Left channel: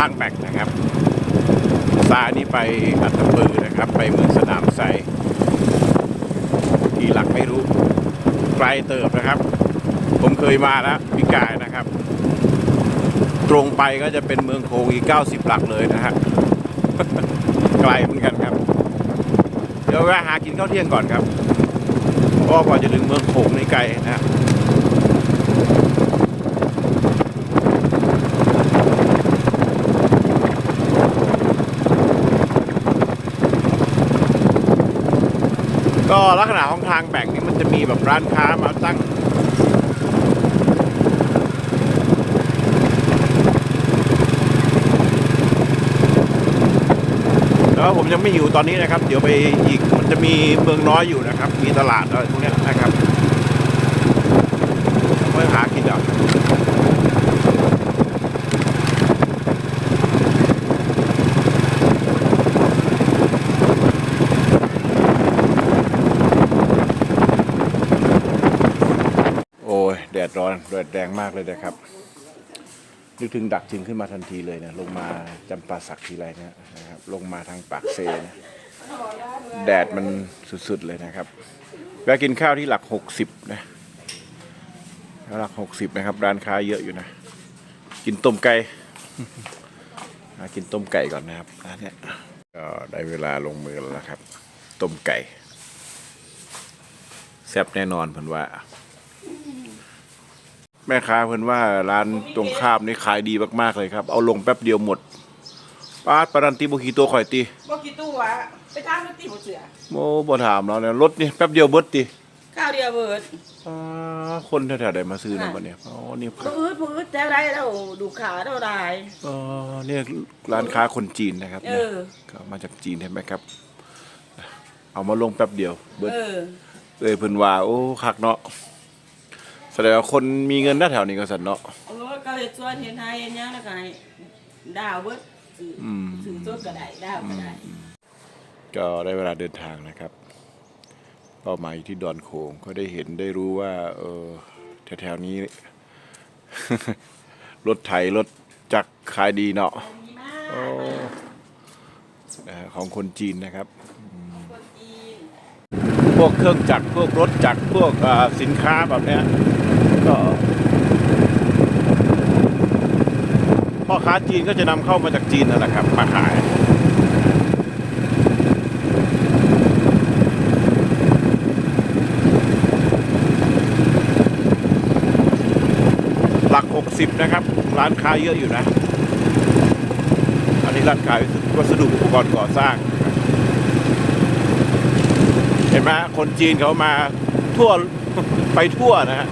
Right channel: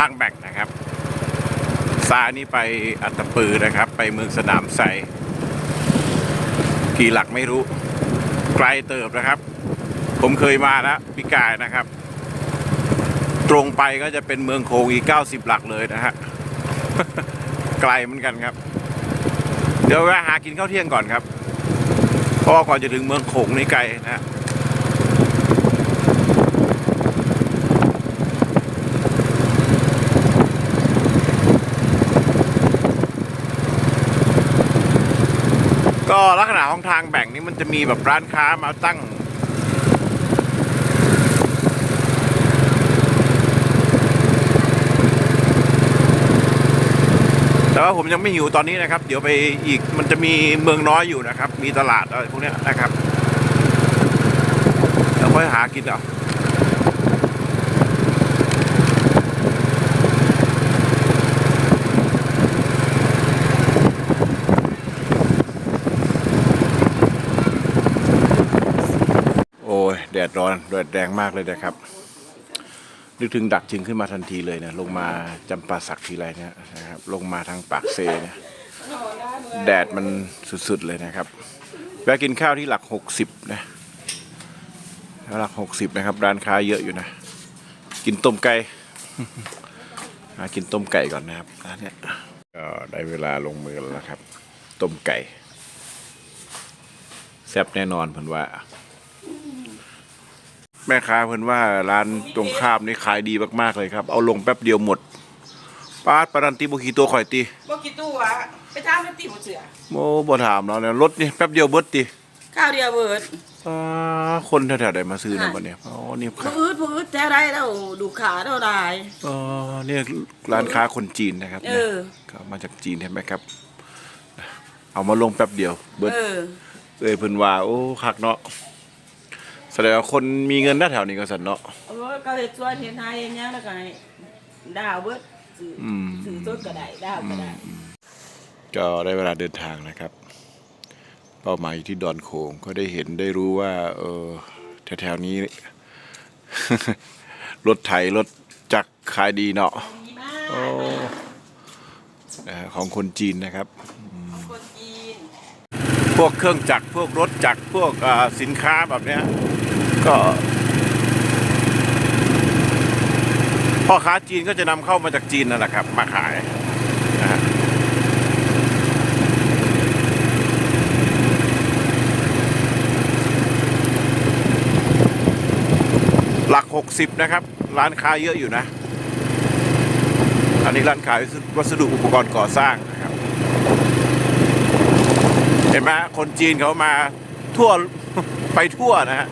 ทางแบกนะครับซ้ายนี่ไปอัตตปือนะครับ ไปเมืองสนามไซกี่หลักไม่รู้ ไกลเติบนะครับ ผมเคยมาแล้วพิกายนะครับ ตรงไปก็จะเป็นเมืองโคงอีก 90 หลักเลยนะฮะไกลเหมือนกันครับ เดี๋ยวแวะหากินข้าวเที่ยงก่อนครับเพราะว่ากว่าจะถึงเมืองโขงในไกลนะฮะ ก็ลักษณะของ ทางแบ่งนี่มันจะมีแบบร้านค้ามาตั้งแต่ว่าผมยังไม่หิวตอนนี้นะครับ เดี๋ยวไปอีกมันจะมีเมืองน้อยอยู่นะครับ มีตลาดอะไรพวกนี้นะครับเราค่อยหากินเอา ดดร้อนแดดแรงมากเลยนะครับ นึกถึงดักจึงขึ้นมาทันทีเลยนะลงมาจำปาสักทีไรเนี่ยนะครับ ลงมาทางปากเซเนี่ยแดดมันสุดๆเลยนะครับแวะกินข้าวที่หลักหกสิบนะหลักหกสิบนะครับ ร้านค้าเยอะอยู่นะ กินต้มไก่มากินต้มไก่ก่อนนะครับร้านเนี้ยก็ได้เวลาลงมือแล้วนะครับ ต้มไก่แซ่บแน่นอนเพิ่นว่า แม่ค้าเพิ่นว่าร้านตรงข้ามนี่ขายดีมากๆเลยครับ เอาลงแป๊บเดียวหมดปาดปารันตีบุขีตัวข่อยตีบ่กี่ตู้วะไปจ้างมันตีหมดเสือโมบ่ถามเราเนี่ยรถนี่แป๊บเดียวเบิดตีข้าวเดียวเบิดอ่าคนแถวๆใดมาซื้อนะบัดเนี่ยอ๋อนี่ครับพืดพืดแต่ได้แล้วดูขาเท่าไรอ๋อเนี่ยร้านค้าคนจีนนะครับเอเนี่ยอก็มาจากจีนเห็นไหมครับ เอามาลงแป๊บเดียว เบิดเออเอ้ยเพิ่นว่าโอ้คักเนาะ แสดงว่าคนมีเงินหน้าแถวนี้ก็สันเนาะเอารถก็เฮ็ดส่วนเฮ็ดให้เฮ็ดหยังแล้วก็ให้ดาวเบิดซื้อออืมซื้อต้นก็ได้ดาวก็ได้ ก็ได้เวลาเดินทางนะครับ เป้าหมายอยู่ที่ดอนโขงก็ได้เห็นได้รู้ว่า เออแถวๆนี้ รถไถรถจักรขายดีเนาะโอ้นะฮะของคนจีนนะครับ คนจีน พวกเครื่องจักรพวกรถจักรพวกอ่าสินค้าแบบเนี้ย ก็พ่อค้าจีนก็จะนำเข้ามาจากจีนนั่นแหละครับ มาขายหลักหกสิบนะครับ ร้านค้าเยอะอยู่นะ อันนี้ร้านขายวัสดุอุปกรณ์ก่อสร้าง เห็นไหมคนจีนเขามาทั่วไปทั่วนะฮะ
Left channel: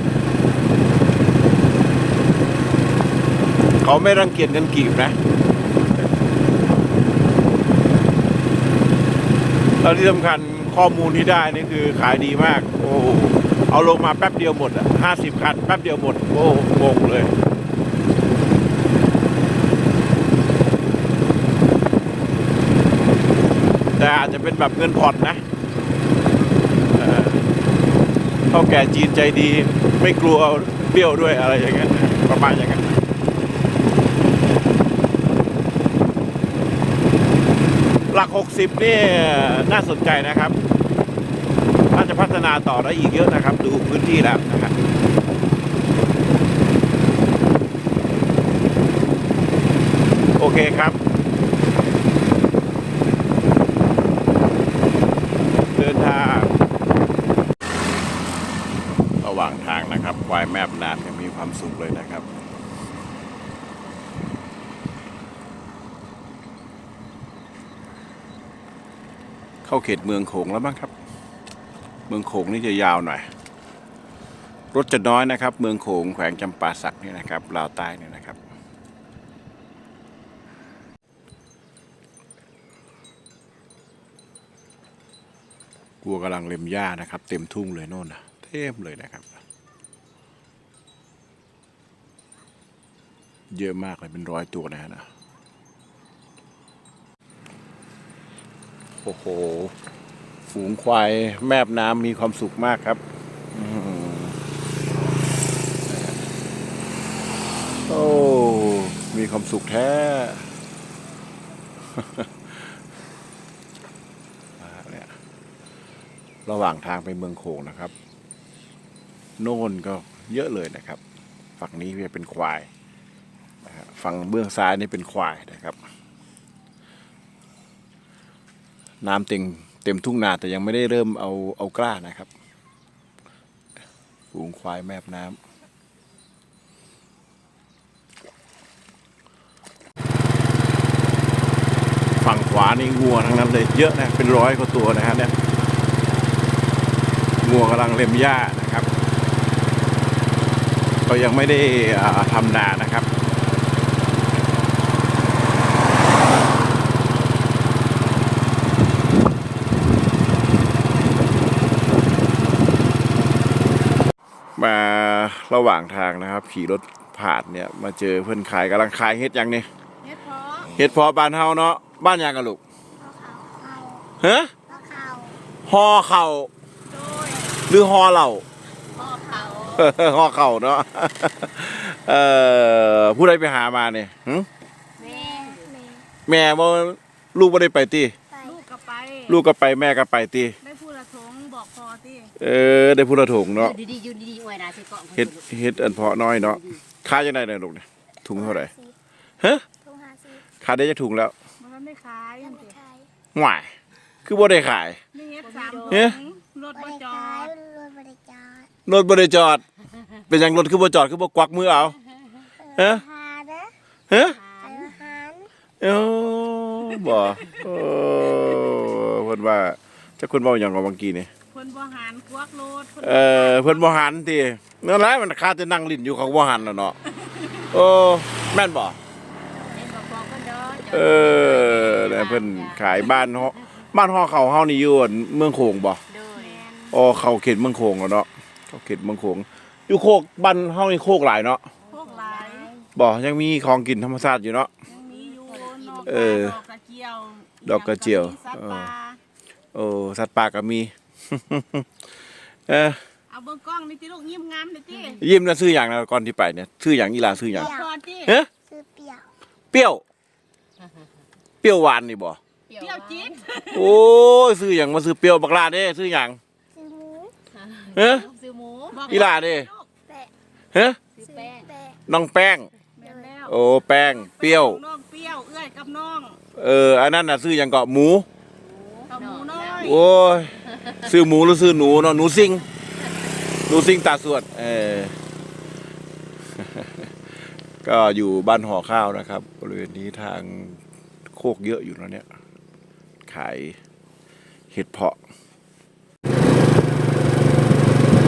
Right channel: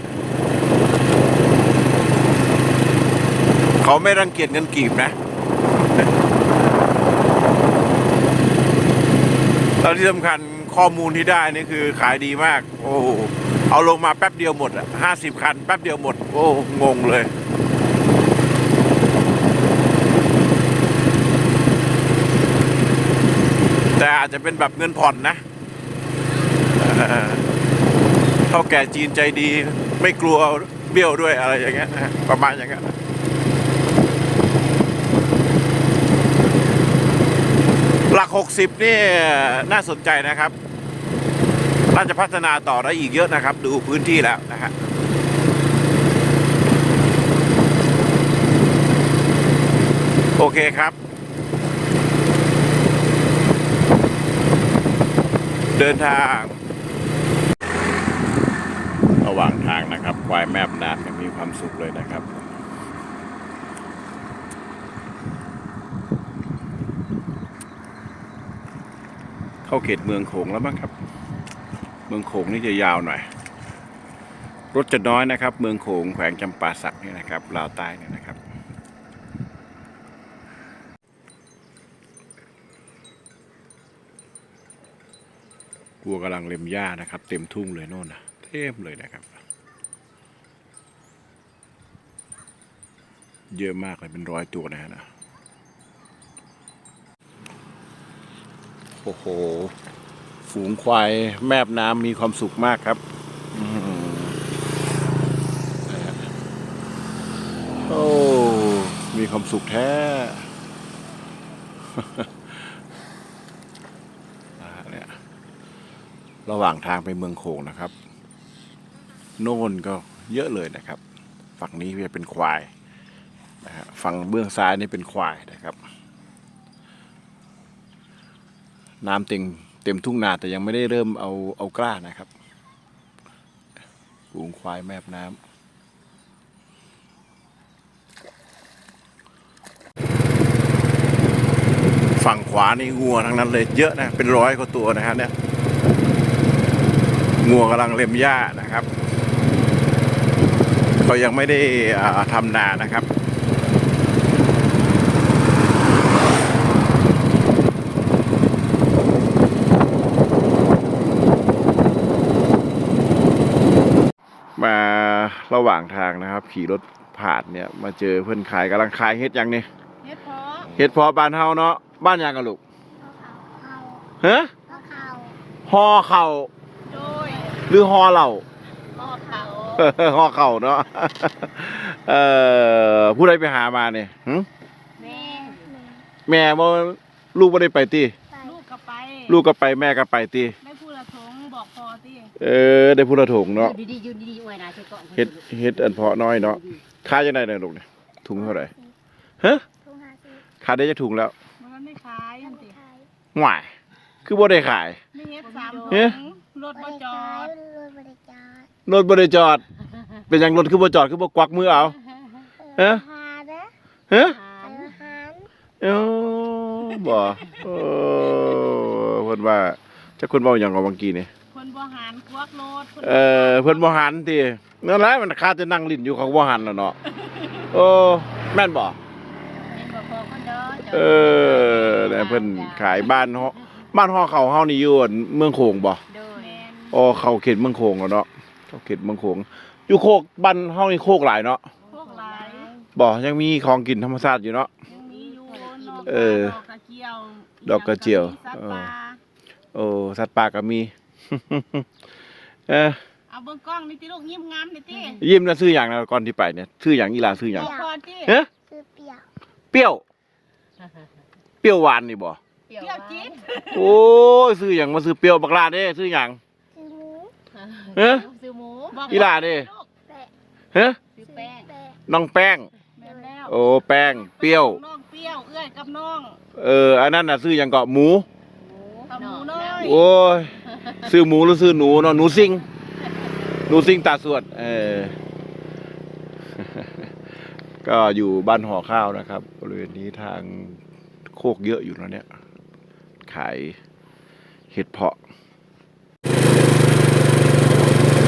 เขาไม่รังเกียจเงินกีบนะแล้วที่สำคัญข้อมูลที่ได้นี่คือขายดีมาก โอ้โหเอาลงมาแป๊บเดียวหมดอะห้าสิบคันแป๊บเดียวหมด โอ้งงเลยแต่อาจจะเป็นแบบเงินผ่อนนะเอ่อเท่าแก่จีนใจดี ไม่กลัวเบี้ยวด้วยอะไรอย่างเงี้ยประมาณอย่างเงี้ย หลัก 60 นี่น่าสนใจนะครับน่าจะพัฒนาต่อได้อีกเยอะนะครับ ดูพื้นที่แล้วนะครับโอเคครับ เดินทาง ระหว่างทางนะครับควายแมบน้ำยังมีความสุขเลยนะครับ เข้าเขตเมืองโขงแล้วบ้งครับ เมืองโขงนี่จะยาวหน่อย รถจะน้อยนะครับ เมืองโขงแขวงจำปาสักนี่นะครับลาวใต้เนี่ยนะครับวัวกำลังเล็มหญ้านะครับ เต็มทุ่งเลยโน่นนะเต็มเลยนะครับ เยอะมากเลยเป็นร้อยตัวนะฮะนะ โอ้โห ฝูงควายแมบน้ำมีความสุขมากครับอโอ้ มีความสุขแท้เนี่ยระหว่างทางไปเมืองโขงนะครับ โน่นก็เยอะเลยนะครับ ฝั่งนี้จะเป็นควายฝั่งเบื้องซ้ายนี่เป็นควายนะครับ น้ำเต็มเต็มทุ่งนาแต่ยังไม่ได้เริ่มเอาเอากล้านะครับปูงควายแมบน้ำฝั่งขวานี่งัวทั้งนั้นเลยเยอะนะเป็นร้อยกว่าตัวนะฮะเนี่ยงัวกำลังเล็มหญ้านะครับ ก็ยังไม่ได้ทำนานะครับ มา ระหว่างทางนะครับ ขี่รถผ่านเนี่ยมาเจอเพื่อนขายกำลังขายเฮ็ดหยังนี่เฮ็ดเพาะเฮ็ดเพอบ้านเฮาเนาะบ้านหยังกันลูกเขาฮะเขาฮอเข่าโดยหรือฮอเหล่าพ่อเขาฮอเข่าเนาะเอ่อผู้ใดไปหามาเนี่ยหึแม่แม่บ่ลูกบ่ได้ไปติลูกก็ไปลูกก็ไปแม่ก็ไปติได้พูดละทงบอกพอติเออได้ผู้ละถุงเนาะดีดียืนดีๆอ วยนะใส่กล่องเฮ็ดเฮ็ดอันเพาะน้อยเนาะค่าจังได๋เนี่ยลูกเนี่ยถุงเท่าไหร่ฮะทุ่งหาซื้อค่าได้จะถุงแล้วมันไม่ขายจังไม่ติขายหวายคือบ่ได้ขายไม่เฮ็ดสามเอ๊ะรถบบ่ริจอการดรถบริการรถบ่ได้จอด เป็นหยังรถคือบ่จอดคือบ่กวักมือเอาเอ๊ะหาเด้อฮะหาอาหารเอ้าบ่เออเพิ่นว่าจักคนเว้าหยังกับเมื่อกี้นี่ คนบ่หันควักรถคน เออเพิ่นบ่หันตินั่นแหละมันคาจะนั่งลิ้นอยู่เขาบ่หันแล้วเนาะโอ้แม่นบ่เอ็มบอกบอกคนเด้อเออเนี่ยเพิ่นขายบ้านเฮาบ้านฮอเขาเฮานี่อยู่อั่นเมืองโขงบ่โดยอ๋อเข้าเขตเมืองโขงแล้วเนาะเข้าเขตเมืองโขงอยู่โคกบ้านเฮานี่โคกหลายเนาะพวกหลายบ่ยังมีของกินธรรมชาติอยู่เนาะยังมีอยู่นอกเออดอกกระเจียวดอกกระเจียวสัตว์เออป่าโอ้สัตว์ป่าก็มี เออเอาเบิ่งกล้องนี่ติลูกยิ้มงามนี่ติยิ้มนะซื้ออย่างนะก่อนที่ไปเนี่ยซื้ออย่างอีหลาซื้ออย่างบอกพอติเฮ้ยซื้อเปรี้ยวเปรี้ยว เปรี้ยวหวานนี่บ่เที่ยวจิตโอ้ยซื้ออย่างมาซื้อเปรี้ยวบักลาเด้ซื้ออย่างซื้อหมูเฮ้ยซื้อหมูบอกอีหลาเด้แปะเฮ้ยซื้อแป้งแปะน้องแป้งแม่นแล้วโอ้แป้งเปรี้ยวน้องเปรี้ยวเอื้อยกับน้องเอออันนั้นน่ะซื้ออย่างเกาะหมูกับหมูน้อยโอ้ย ซื้อหมูหรือซื้อหนูเนาะหนูซิงหนูซิงตาสวด เออ ก็อยู่บ้านห่อข้าวนะครับ บริเวณนี้ทางโคกเยอะอยู่แล้วเนี่ย ขายเห็ดเพาะ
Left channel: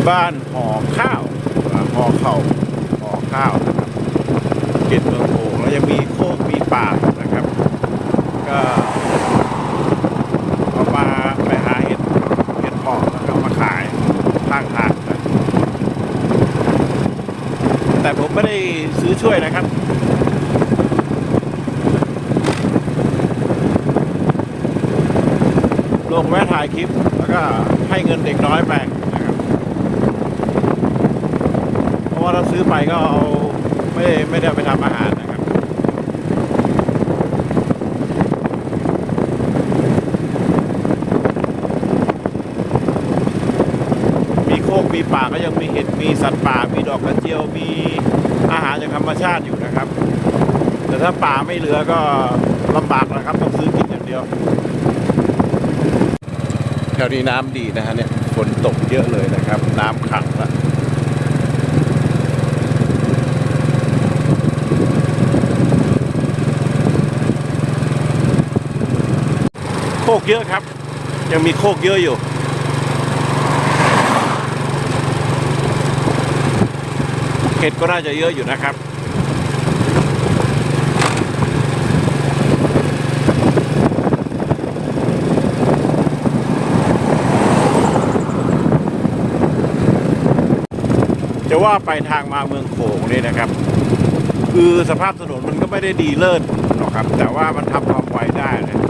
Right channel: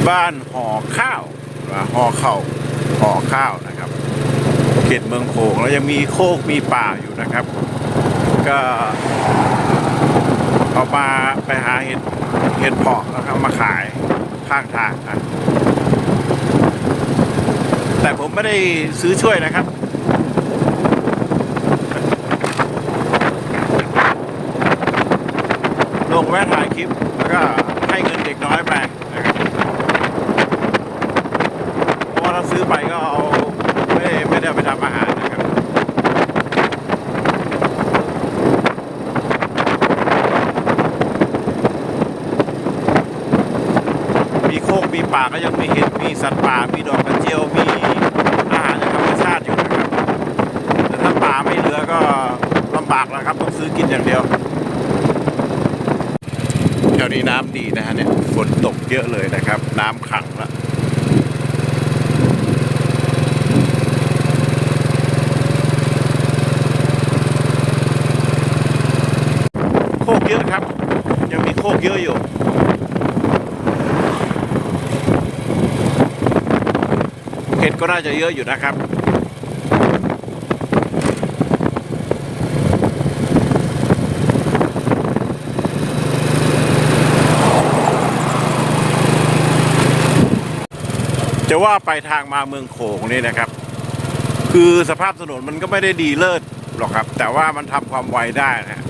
บ้านห่อข้าวห่อเข่าห่อข้าวนะครับเขตเมืองโขงแล้วยังมีโคกมีป่านะครับ ก็เอามาไปหาเห็ด เห็ดเพาะแล้วก็มาขายข้างทางครับแต่ผมไม่ได้ซื้อช่วยนะครับลงแวะถ่ายคลิป แล้วก็ให้เงินเด็กน้อยไปนะครับเพราะว่าถ้าซื้อไปก็เอาไม่ไม่ได้ไปทำอาหารนะครับ มีโคกมีป่าก็ยังมีเห็ดมีสัตว์ป่ามีดอกกระเจียวมีอาหารจากธรรมชาติอยู่นะครับ แต่ถ้าป่าไม่เหลือก็ลำบากนะครับต้องซื้อกินอย่างเดียวแถวนี้น้ำดีนะฮะเนี่ยฝนตกเยอะเลยนะครับ น้ำขังละโคกเยอะครับ ยังมีโคกเยอะอยู่ เห็ดก็น่าจะเยอะอยู่นะครับจะว่าไปทางมาเมืองโขงนี่นะครับ คือสภาพถนนมันก็ไม่ได้ดีเลิศหรอกครับ แต่ว่ามันทำความไวได้นะ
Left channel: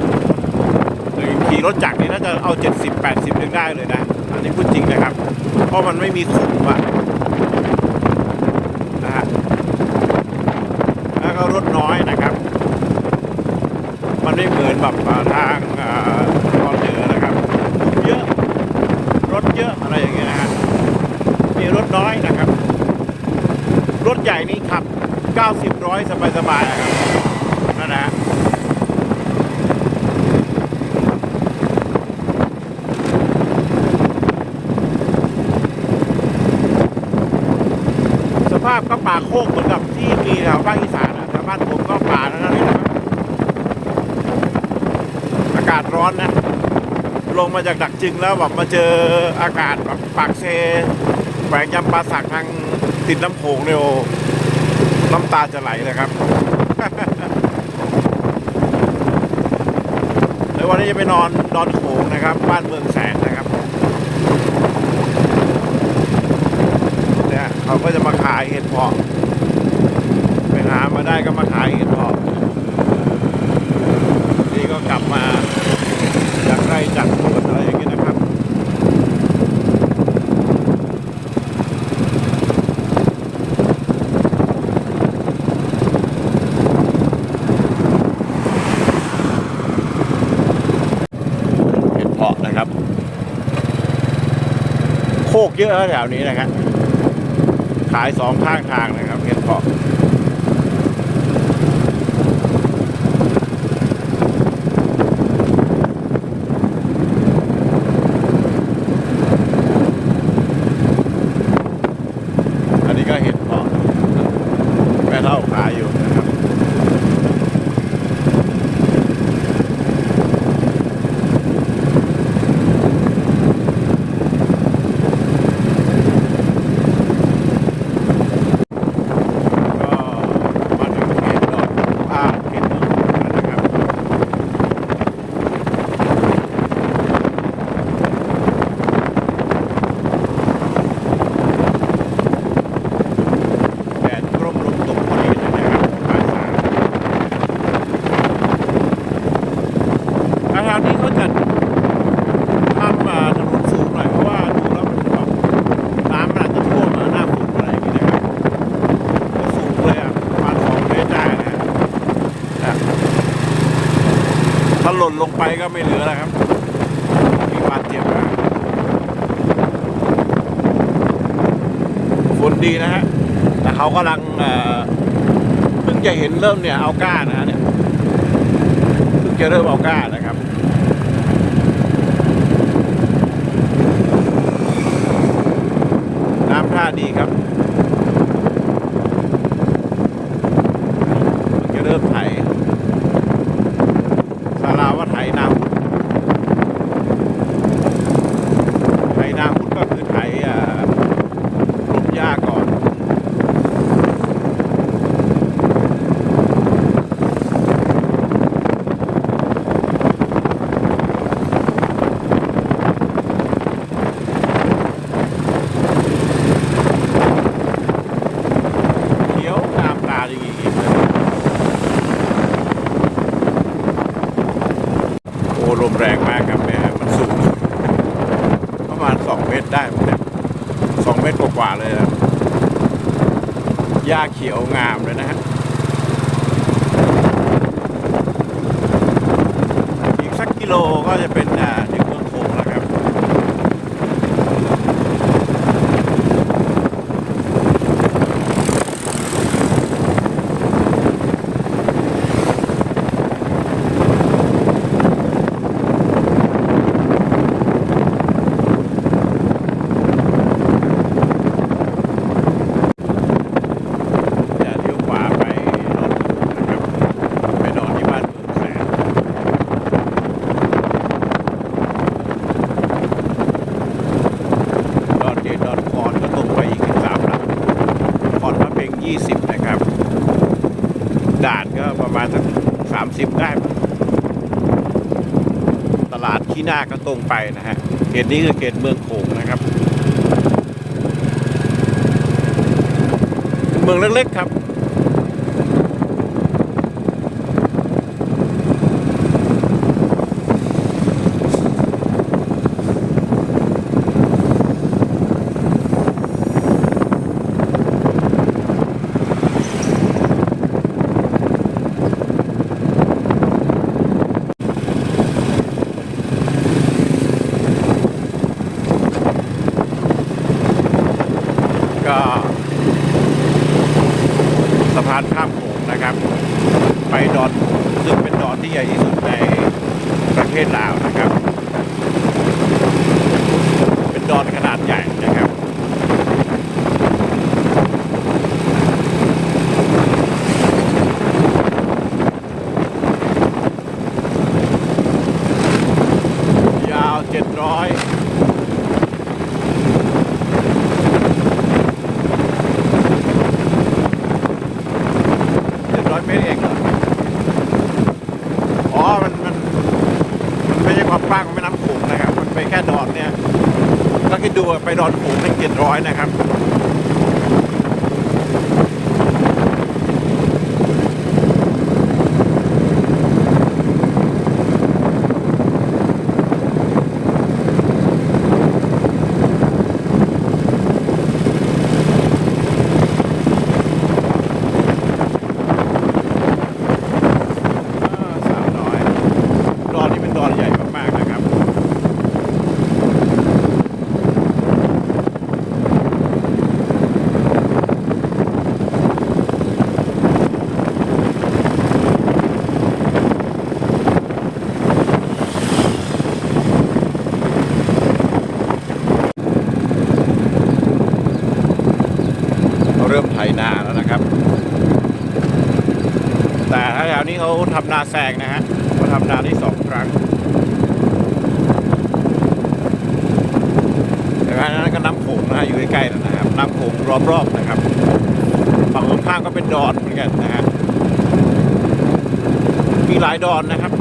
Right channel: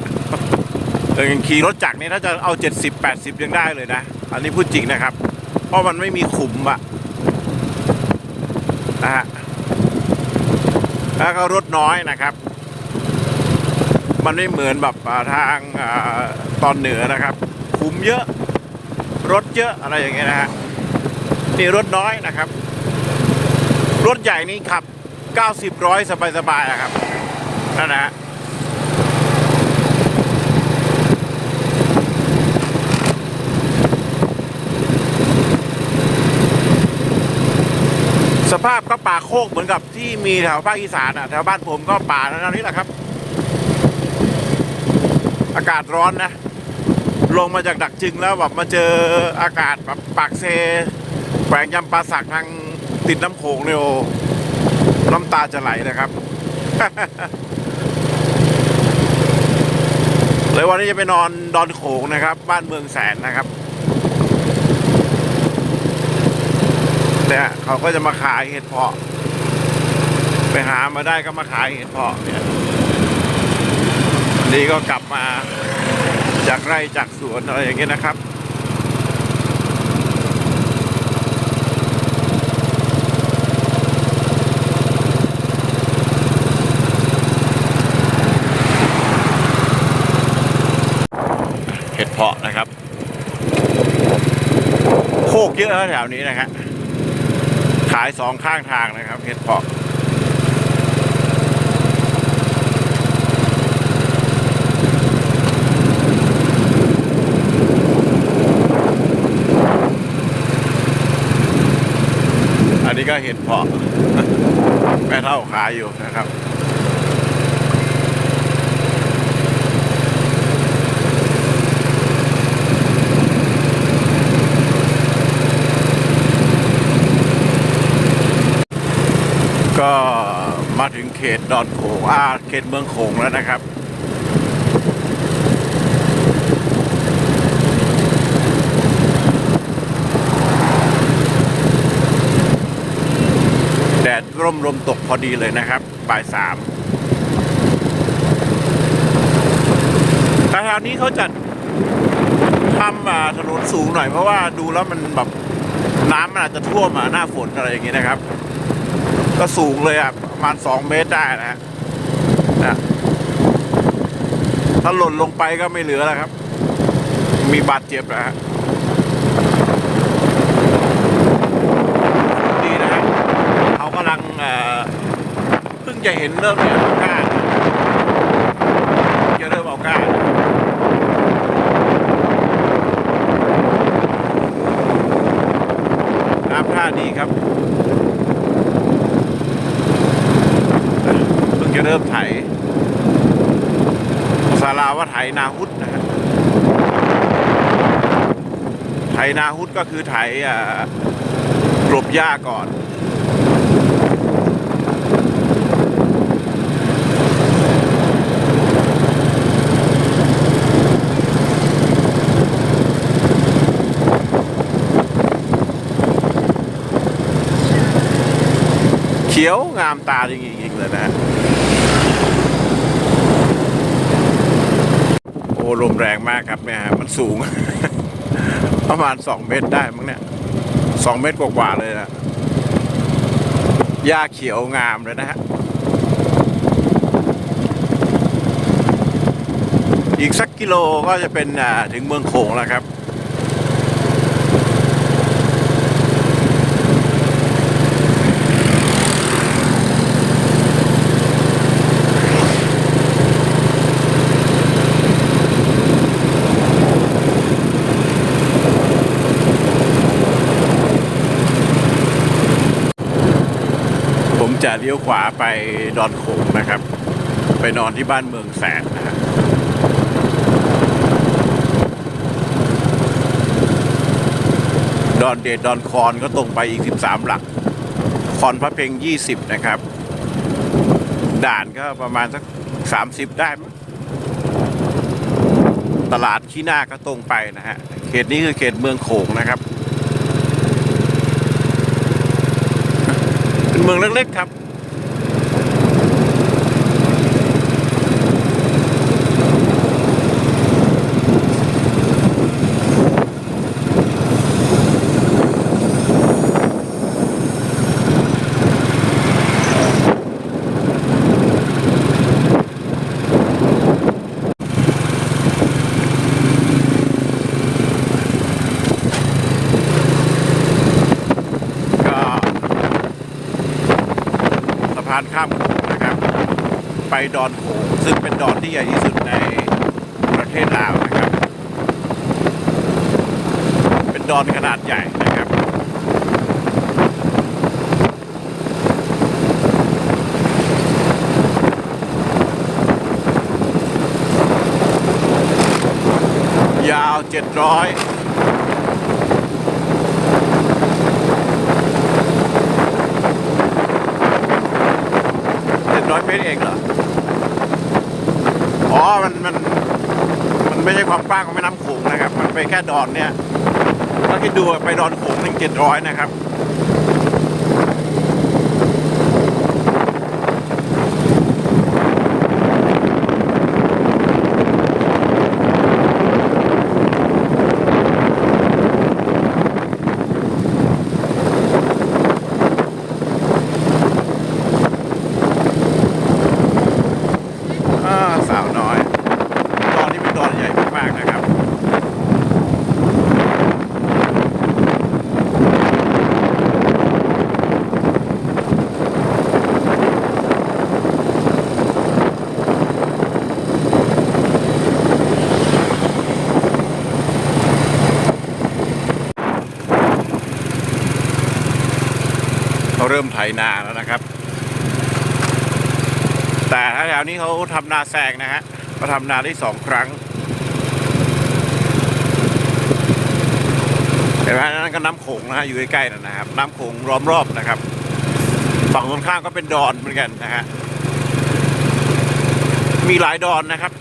เออขี่รถจักรนี่น่าจะเอา 70 80 ยังได้เลยนะ อันนี้พูดจริงนะครับ เพราะมันไม่มีขุมอะนะฮะแล้วก็ร ถน้อยนะครับ มันไม่เหมือนแบบทางตอนเหนือนะครับคุมเยอะ รถเยอะอะไรอย่างเงี้ยนะฮะนี่รถน้อยนะครับ รถใหญ่นี่ขับ 90 ร้อยสบายๆนะครับนั่นนะฮะ ภาพก็ป่าโคกเหมือนกับที่มีแถวภาคอีสานอะแถวบ้านผมก็ป่าแล้วนี่แหละครับ อากาศร้อนนะ ลงมาจากดักจึงแล้วแบบมาเจออากาศแบบปากเซแขวงจำปาสักทางติดน้ำโขงเนี่ยโอ้น้ำตาจะไหลเลยครับเลยวันนี้จะไปนอนดอนโขงนะครับ บ้านเมืองแสนนะครับ เนี่ยเขาก็จะมาขายเห็ดเพาะ ไปหามาได้ก็มาขายเห็ดเพาะเนี่ยวันนี้ก็กลับมาจากไร่จากสวนอะไรอย่างเงี้ยนะครับเห็ดเพาะนะครับ โคกเยอะนะแถวนี้นะครับ ขายสองข้างทางนะครับเห็ดเพาะ อันนี้ก็เห็ดเพาะ แม่เท่าขายอยู่นะครับ ก็มาถึงเขตดอนโขงอ่าเขตเมืองโขงแล้วนะครับ แดด ร่มลมตกพอดีเลยนะครับบ่ายสามทางนี้เขาจะทำอ่าถนนสูงหน่อยเพราะว่าดูแล้วมันแบบน้ำมันอาจจะท่วมอะหน้าฝนอะไรอย่างนี้นะครับ ก็สูงเลยอะประมาณสองเมตรได้นะนะถ้าหล่นลงไปก็ไม่เหลือแล้วครับ มีบาดเจ็บนะฮะฝนดีนะฮะ เขากำลังเพิ่งจะเห็นเริ่มเนี่ยเอาก้านะจะเริ่มเอาก้านะครับน้ำท่าดีครับเพิ่งจะเริ่มไถสาราว่าไถนาฮุดนะครับไถนาฮุดก็คือไถอ่ากลบหญ้าก่อน ขียวงามตาดีเลยนะโอ้ลมแรงมากครับเนี่มันสูง ประมาณสองเมตรได้มั้งเนี่ยสองเมตรกว่าๆเลยนะหญ้าเขียวงามเลยนะฮะอีกสักกิโลก็จะเป็นอ่าถึงเมืองโขงแล้วครับ ผมจะเลี้ยวขวาไปดอนโขงนะครับ ไปนอนที่บ้านเมืองแสนนะครับด อนเดดดอนคอนก็ตรงไปอีก 13 หลัก คอนพระเพ็ง20 นะครับ ด่านก็ประมาณสัก 30 ได้ ตลาดที่หน้าก็ตรงไปนะฮะ เขตนี้คือเขตเมืองโขงนะครับ เป็นเมืองเล็กๆครับ สะพานข้ามนะครับ ไปดอนซึ่งเป็นดอนที่ใหญ่ที่สุดในประเทศลาวนะครับ เป็นดอนขนาดใหญ่นะครับยาว700 700 เมตรเองเหรอ อ๋อ มันมันมันไม่ใช่ความกว้างของแม่น้ำโขงนะครับ มันไปแค่ดอนเนี่ยถ้าคิดดูไปดอนโขงถึง700นะครับ อ่าสาวน้อย ดอนนี้เป็นดอนใหญ่มากๆนะครับ ไถนาแล้วนะครับ แต่ถ้าแถวนี้เขาทำนาแซงนะฮะเขาทำนาได้สองครั้งเห็นไหมนั่นก็น้ำโขงนะฮะอยู่ใกล้ๆนะครับ น้ำโขงล้อมรอบนะครับฝั่งตรงข้ามก็เป็นดอนเหมือนกันนะฮะมีหลายดอนนะครับ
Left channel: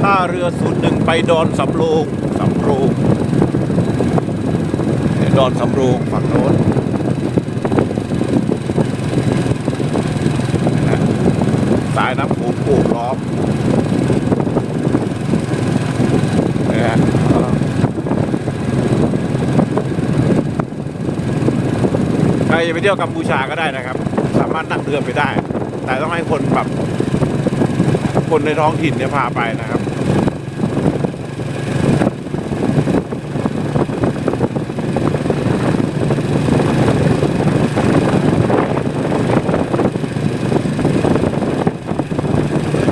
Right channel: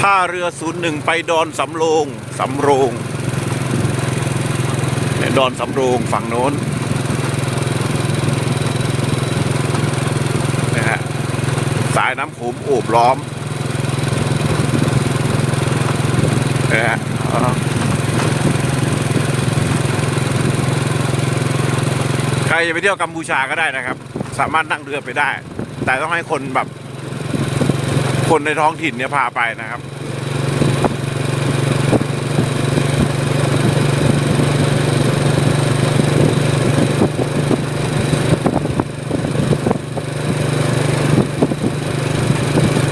ท่าเรือศูนย์หนึ่งไปดอนสำโรงสำโรง ดอนสำโรงฝั่งโน้นนะฮะสายน้ำโขงโอบล้อมนะฮะใครจะไปเที่ยวกัมพูชาก็ได้นะครับ สามารถนั่งเรือไปได้ แต่ต้องให้คนแบบ คนในท้องถิ่นเนี่ยพาไปนะครับ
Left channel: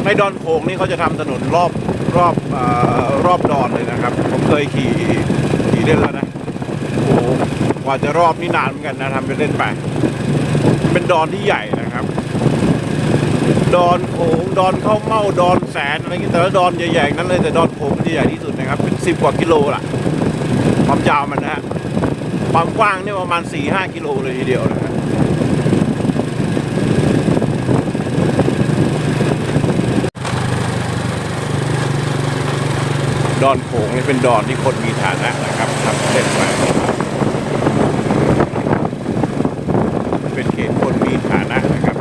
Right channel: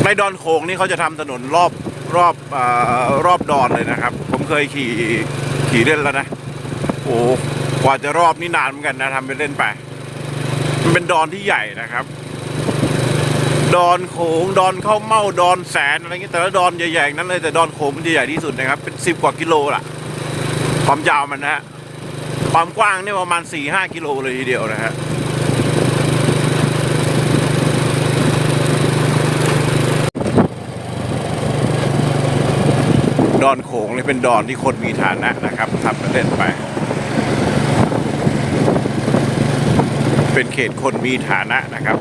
ในดอนโขงนี่เขาจะทำถนนรอบรอบอรอบดอนเลยนะครับ ผมเคยขี่ขี่เล่นแล้วนะโอ้กว่าจะรอบนี่นานเหมือนกันนะทำไปเล่นไปมันเป็นดอนที่ใหญ่นะครับ ดอนโขงดอนเข้าวเม่าดอนแสนอะไรเงี้ยแต่ละดอนใหญ่ๆนั้นเลยแต่ดอนโขงมันจะใหญ่ที่สุดนะครับ เป็นสิบกว่ากิโลล่ะความยาวมันนะฮะความกว้างเนี่ยประมาณสี่ห้ากิโลเลยทีเดียวนะฮะ อนโขงเลยเป็นดอนที่คนมีฐานะนะครับทำเส้นไปเป็นเขตคนมีฐานะนะครับ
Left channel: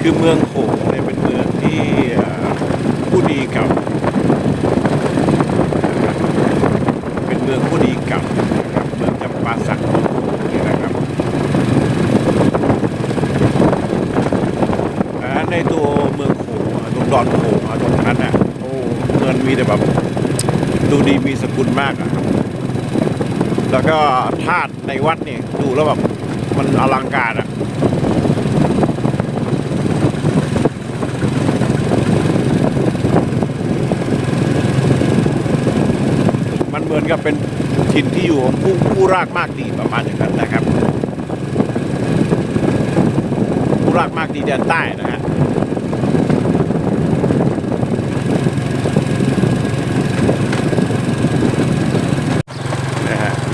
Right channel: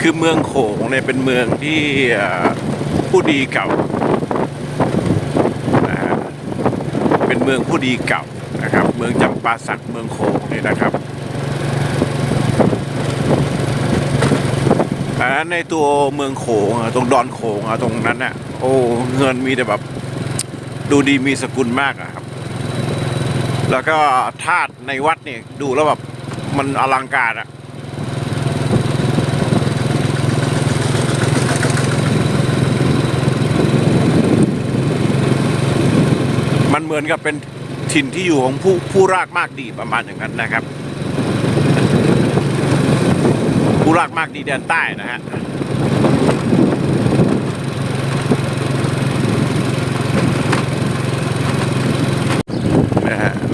คือเมืองโขงเนี่ยเป็นเมืองที่ผู้ดีเก่า เป็นเมืองผู้ดีเก่านะครับ เมืองจำปาสักเมืองโขงเนี่ยนะครับอ่าในตัวเมืองโขงตรงดอนโขงตรงนั้นน่ะโอ้เงินมีแต่แบบ ดูดีมีสกุลมากอะครับ แล้วก็ธาตุในวัดนี่ดูแล้วแบบมันอลังการอะมันเหมือนกับเป็นถิ่นที่อยู่ของผู้ผู้รากมากดีประมาณอย่างนั้นนะครับ ผู้รากมากดีแดนใต้นะฮะ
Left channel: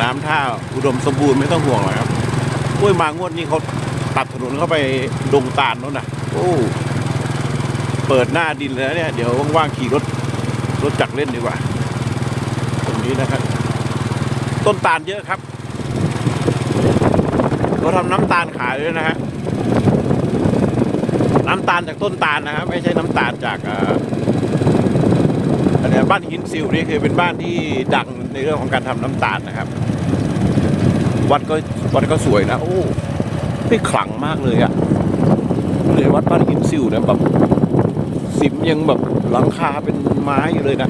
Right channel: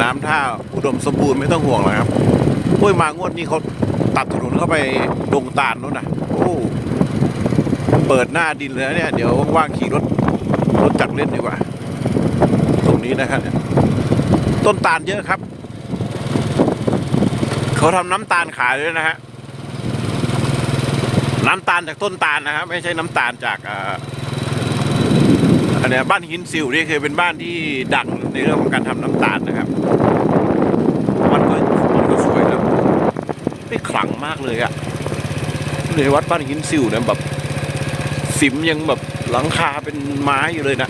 น้ำท่า อุดมสมบูรณ์ไม่ต้องห่วงหรอกครับห้วยมางวดนี้เขาตัดถนนเข้าไปดงตาลนู้นนะโอ้เปิดหน้าดินเลยนะเนี่ย เดี๋ยวว่างๆขี่รถรถจักรเล่นดีกว่าตรงนี้นะครับ ต้นตาลเยอะครับ เขาทำน้ำตาลขายด้วยนะฮะน้ำตาลจากต้นตาลนะครับ ไม่ใช่น้ำตาลจากอันเนี้ยบ้านหินซิวนี่คือเป็นบ้านที่ดังในเรื่องของการทำน้ำตาลนะครับ วัดก็วัดก็สวยนะไม่ขลังมากเลยอะเในวัดบ้านหินซิวนะแบบสิมยังแบบหลังคาเป็นไม้อยู่เลยนะ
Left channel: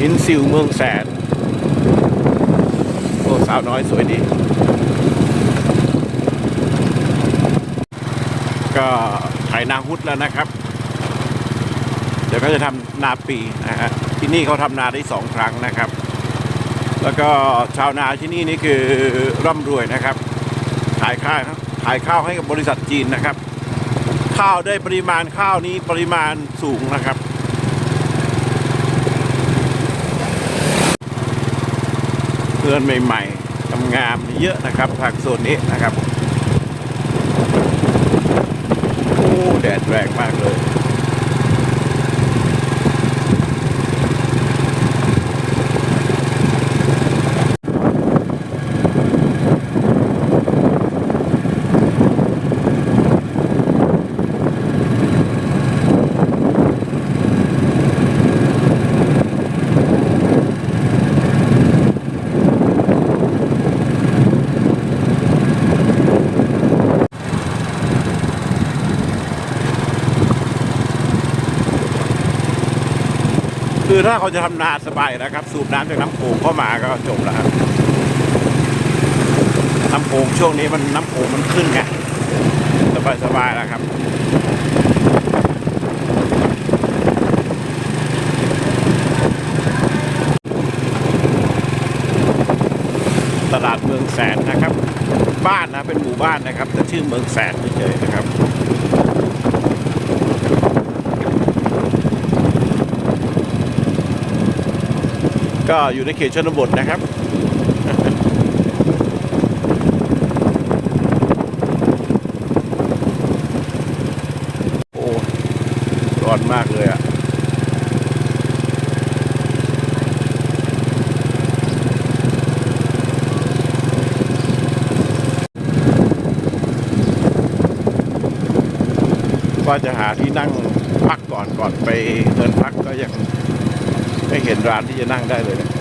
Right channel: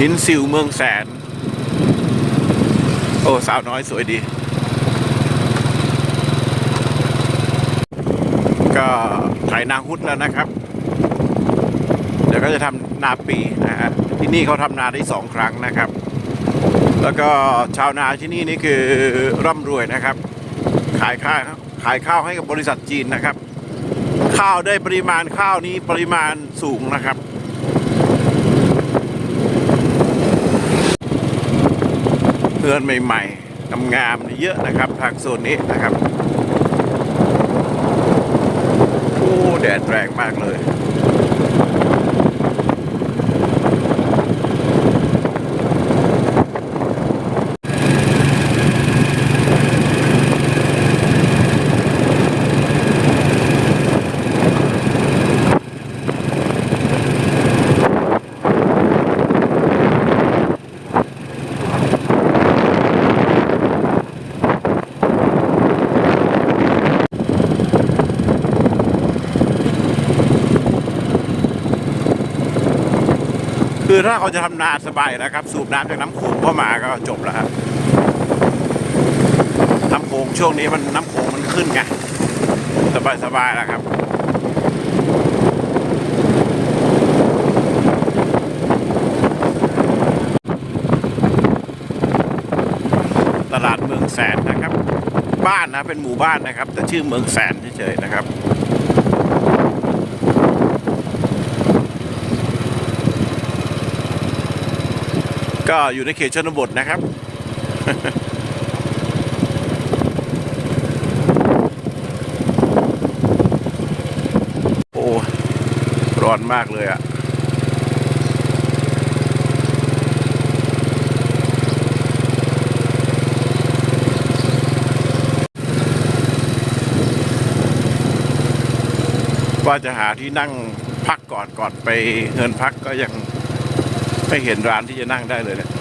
หินซิวเมืองแสน โอ้สาวน้อยสวยดี ก็ถ่ายนางฮุดแล้วนะครับ เดี๋ยวก็จะทำนาปีนะฮะที่นี่เขาทำนาได้สองครั้งนะครับ แล้วก็ชาวนาที่นี่นี่คือร่ำรวยนะครับ ขายข้าวขายข้าวให้กับบริษัทจีนนะครับ ข้าวได้ปริมาณข้าวนี้ปริมาณสูงนะครับเพื่อนใหม่ๆงามๆเยอะนะครับทางโซนนี้นะครับ โอ้ แดดแรงมากเลย ถ้าเขาจะทำนาสบายนะครับ สูบน้ำจากน้ำโขงเข้ามาก็จบแล้วครับน้ำโขงช่วงนี้มันน้ำโขงมันขึ้นไงสบายสบายแล้วครับตลาดเมืองแสนนะครับ บ้านนะเป็นหมู่บ้านนะครับแต่ชื่อเมืองแสนเฉยๆนะครับ ก็อยู่ในเขตชนบทนะครับ โอ้ร้อนมากเลยอะ่ะว่าจะหาที่นั่งพักก่อนก่อนไปเดินพักก็ยัง ไม่เห็นร้านที่จะนั่งได้เลยเนะ